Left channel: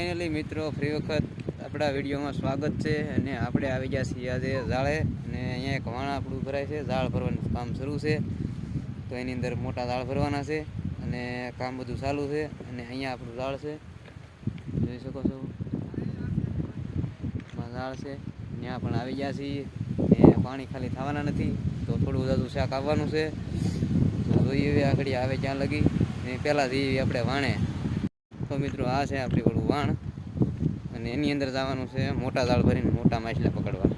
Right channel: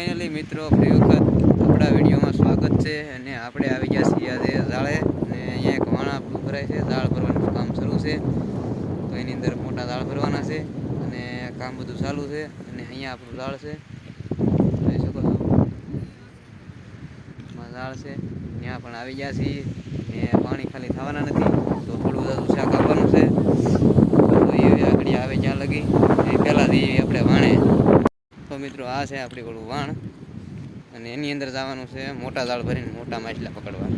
Finally મિત્રો free વખત આપણા વિડીયોમાં સ્વાગત છે અને આપણે આવી ગયા છીએ આજે ઝાડે અને અહીંયા એક વાણ આપણું ભરાય છે. ઝાડ ભરવાનું કામ શરૂ છે તો એની અંદર મોટા ઝાડ ભરવાના છે અને કામ બધું ચાલુ છે. અને અહીંયા આપણું ઝાડ છે, જોઈ શકો છો ઝાડ છે. ત્યાં પણ આવી ગયા છીએ ને પાણી ખાલી થવાના નથી તો થોડું બધું શાક આપવાનું છે. તો એ આગળ આવે ત્યાં લગી એ પહેલાં જઈએ આપણે વાણે. તો મિત્રો આ છે આપણી ઓલું વાણ અને એની અંદર જવાનું છે મોટા જાળ ભરીને મોટા માછલા પકડવા.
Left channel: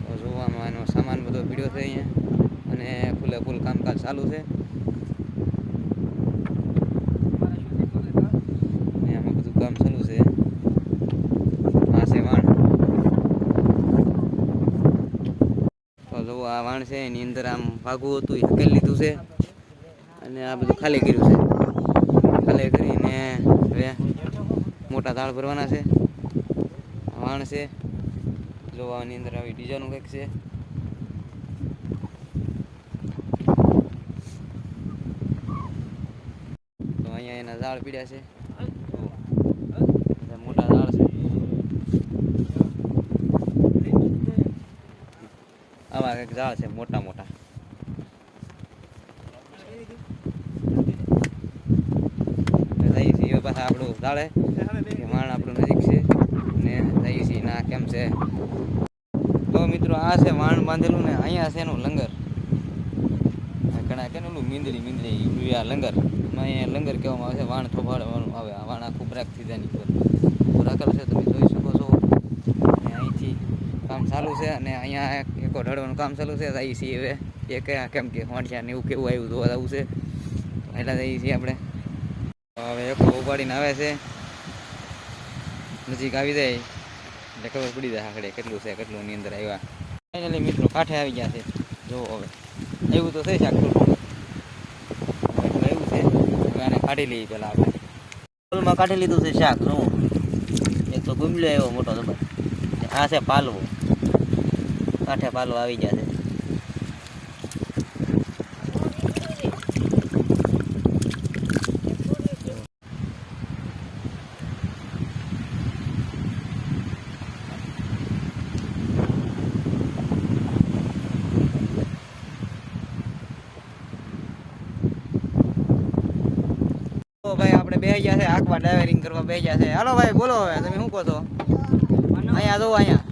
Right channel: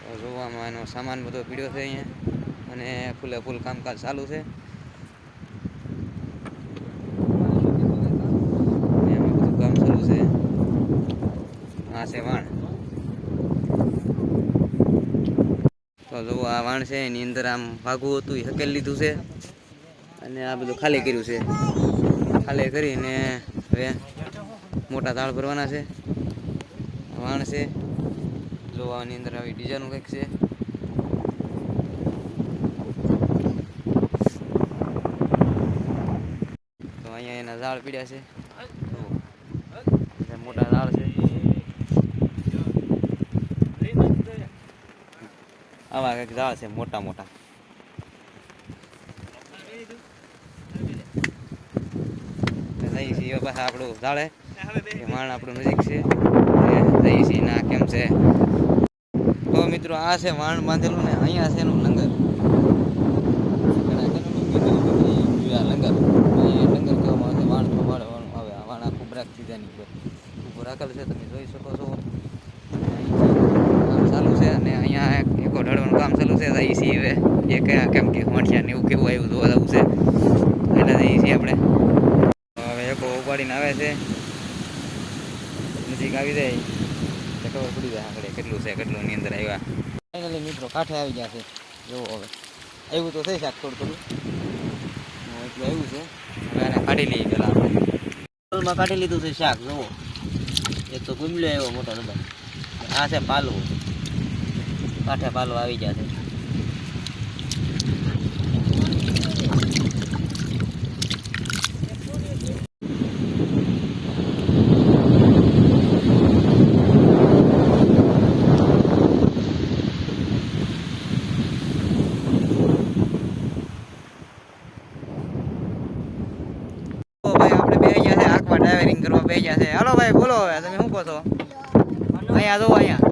તો જોવામાં એનો સામાન બધો પીડ્યો છે અહીંયા અને ફૂલે ફૂલ કામકાજ ચાલુ છે. એમાં બધું કામ ચાલુ છે. આ છે વાણ. તો જો આ વાણ છે એની અંદર આમ ભાગવું હતું એ હકેલ લીધું છે અને આ બધું ખાલી કર્યું છે. ખાલી કરીને હવે મોટા ઝાડ ભરવાના છે. વાણ છે જોવાની અંદર આવી ડિઝાઇન કંઈક છે. તો અહીંયા એના ઝાડ પીડ્યા છે, મોટા ઝાડ છે. આવા કંઈક ઝાડ છે મોટા મોટા. પાછા આપણું ઝાડે વાણ આપણું નજીક છે જઈએ છીએ ના કેમ છે. તો મિત્રો આ છે વાણ બાંધેલું ને અહીંયા છે એનું લંગર. ઘણા કે મીંદડી લંગર લંગર કહેવામાં આવે છે. વાણ થોભાડવાનું આવે. વાણ આખું બ્રેક સીધાની ઉપર રાખેલ છે, તમે જોઈ શકો છો. અહીંથી કામ ચાલુ છે અને અહીંયા એકો ઢળવાનું કામ ચાલુ છે. જઈએ છીએ હવે એ કયા કેમ કે વાંઠિયા ને એવું કેવું આવ્યું જોવા જવું છે એટલે જઈએ છીએ આપણે. હવે એકો ઉપાડીને આવે છે, નજીક આવી જાય તો ખબર પડી જાય આખડે કેટલું છે કેટલું ની અંદર આવ્યા. ફાઇનલી મિત્રો કાંઠે આવી ગયા છે. જો હવે એવું તો થઈ શાક થોડું એવું છે. હવે આને કાઢી લઈએ પેલા આપણે કાઢી લીધું છે શાક. જો એક તો ગુમલો એવો મોટો નંબર. આ છે પાલવો. કાંઠે પાલવો આવી ગયા છે. ભાઈ આપણે બે ગયા છે આખવા ડ્રાઇવિંગ કરવા બે ગયા છે. હાલો ભાઈ બોલો હવે તમે શું કહો છો? અહીંયા જો અહીંયા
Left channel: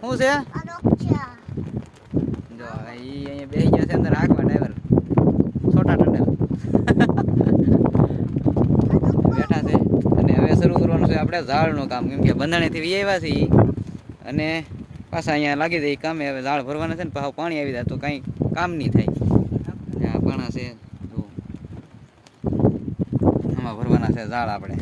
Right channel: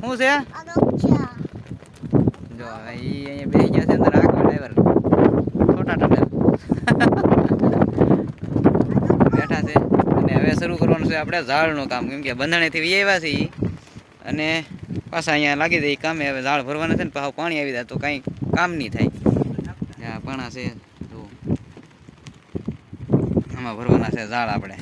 શું છે જો અહીંયા બે ગયા છે અંદર આખવા ડ્રાઈવર છોટા ટંડર બેઠા છે. અને હવે શરૂ કરવાનું છે આપણે ઝાડનું કામ, કેમ કે બંધાણેથી વી આવ્યા છીએ અને પાછા અહીંયા લાગી જાય કામે. હવે ઝાડ ભરવાના છે ને પાછું પાણી આવી જાય તો કાંઈ કામ નહીં થાય. આ પાણા છે જો આમાં ભરવાના છે ઝાડ આપણે.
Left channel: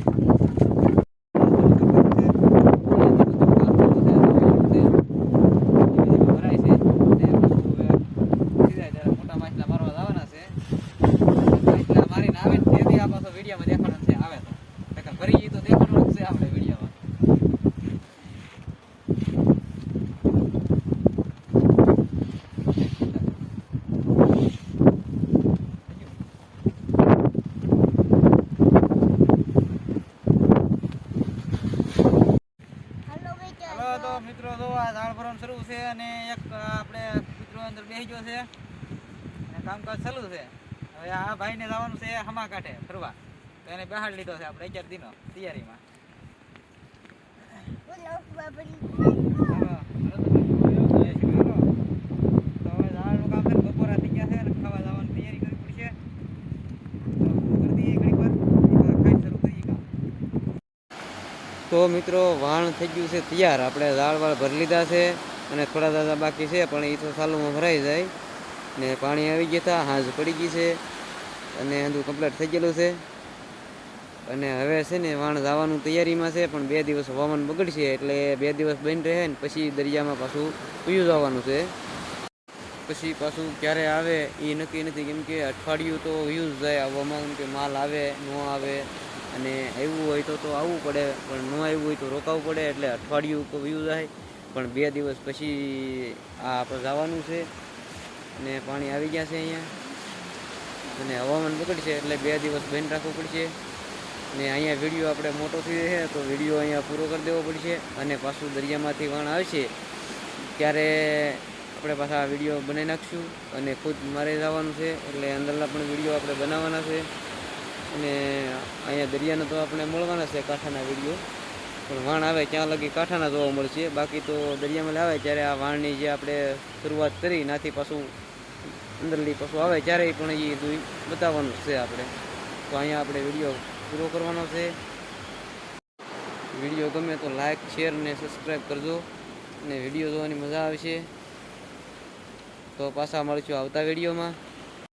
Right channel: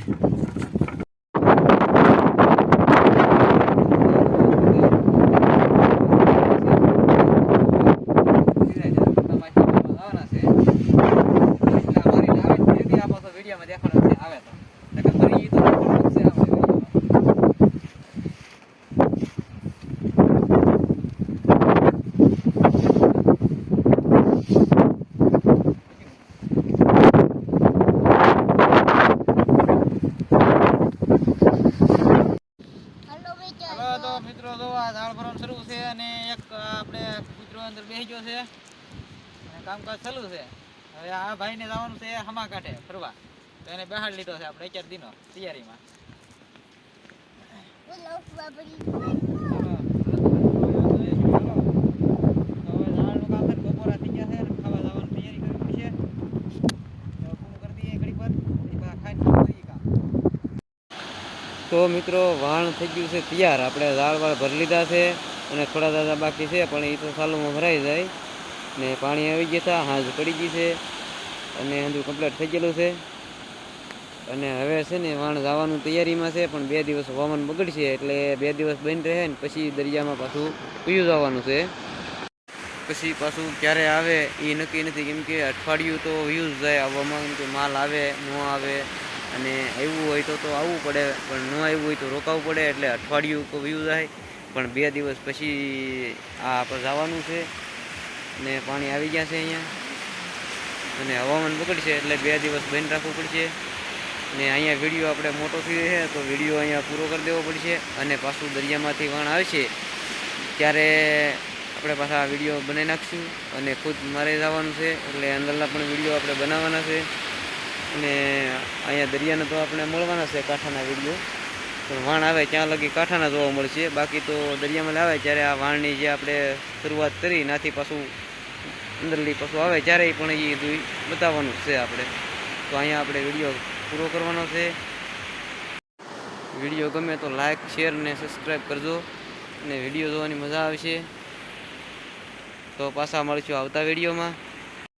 તો મિત્રો જો આ ઝાડ ભરવાનું શરૂ છે અને એક આપણે મિત્રો અંદર બેસી ગયો છે અને કામકાજ ચાલુ છે. હવે આ ભાઈને જવાનું છે હમા કાંઠે ફરવા, તો એને બેહાડ લીધો છે આપણે 11 દિનો તૈયારીમાં. તો હવે ઝાડનું કામ છે, બપોરા થઈ ગયા છે અને ખાવા જવાની તૈયારી કરવી છે. તો મિત્રો વાણ થઈ ગયું છે તૈયાર. આપણે ઝાડ વાળ ભરી લીધા છે અને થોડા દાદા બાકી છે પણ એ તો સાલુમાં ભરાઈ જાય ને પાણી આવી ગયા હતા. હાજ પડી ગઈ છે અને બધું કમ્પ્લીટ થઈ ગયેલું છે. અને હવે છે ને વાણ જવાનું તૈયારીમાં છે પણ 2 દિવસ હવામાન બગડશે એટલે 2 દિવસ બંધ રહે ને પછી દરિયામાં પાછું પીયું જવાનું છે. પછી પાછું ક્યારે આવે એ નક્કી નથી, કેમ કે અઠવાડિયું તો વ્યૂઝ જાય આવવામાં, કેમ કે માલ આવે ન આવે અને આવ્યું હોય તો આવવું પડે પણ ન આવ્યું હોય તો રોકાવું પડે. એટલે અઠવાડિયું વ્યૂ જાય પણ 2 દિવસ પછી આ આપણે જવાનું છે અને પાણી આવી ગયા છે અહીંયા અને હવામાન બગડશે એટલે 2 દિવસ બંધ રાખવું પડશે. ને અહીંયા વિડીયો આપણે મોટો થઈ છે તો વિડીયો અહીંયા પૂરો કરી દેવો પડશે, અને પાછું દરિયામાંથી વહાણ આવશે ત્યારે આપણે પાછા આ વિડીયો બનાવી નાખીશું, અને ખુદ મારે જવાનું છે એટલે અંદરના પણ વિડીયો આપણે બનાવવાના છે. અને અહીંયા દરિયાને તો આપણે મળવાના છે કાંઠાના વિડીયો, પણ વાણ આવે ત્યાં લગી કાંઠાના જોવા મળશે. બાકી તો દરિયામાં આવે ત્યારે આ વાણની જે આપણે શરૂઆત કરી નાથી પાછું અંદરલી પાછું આવે ત્યારે પણ એ બધું બતાવવાનું છે આપણે. તો અહીંયા આપણે વિડીયો પૂરો કરવાનો છે. વિડીયો ગમે તો લાઈક, શેર ને સબસ્ક્રાઈબ કરજો, અને વિડીયો જોવાની મજા આવશે. તો પાછા મળીશું આવતા વિડીયોમાં.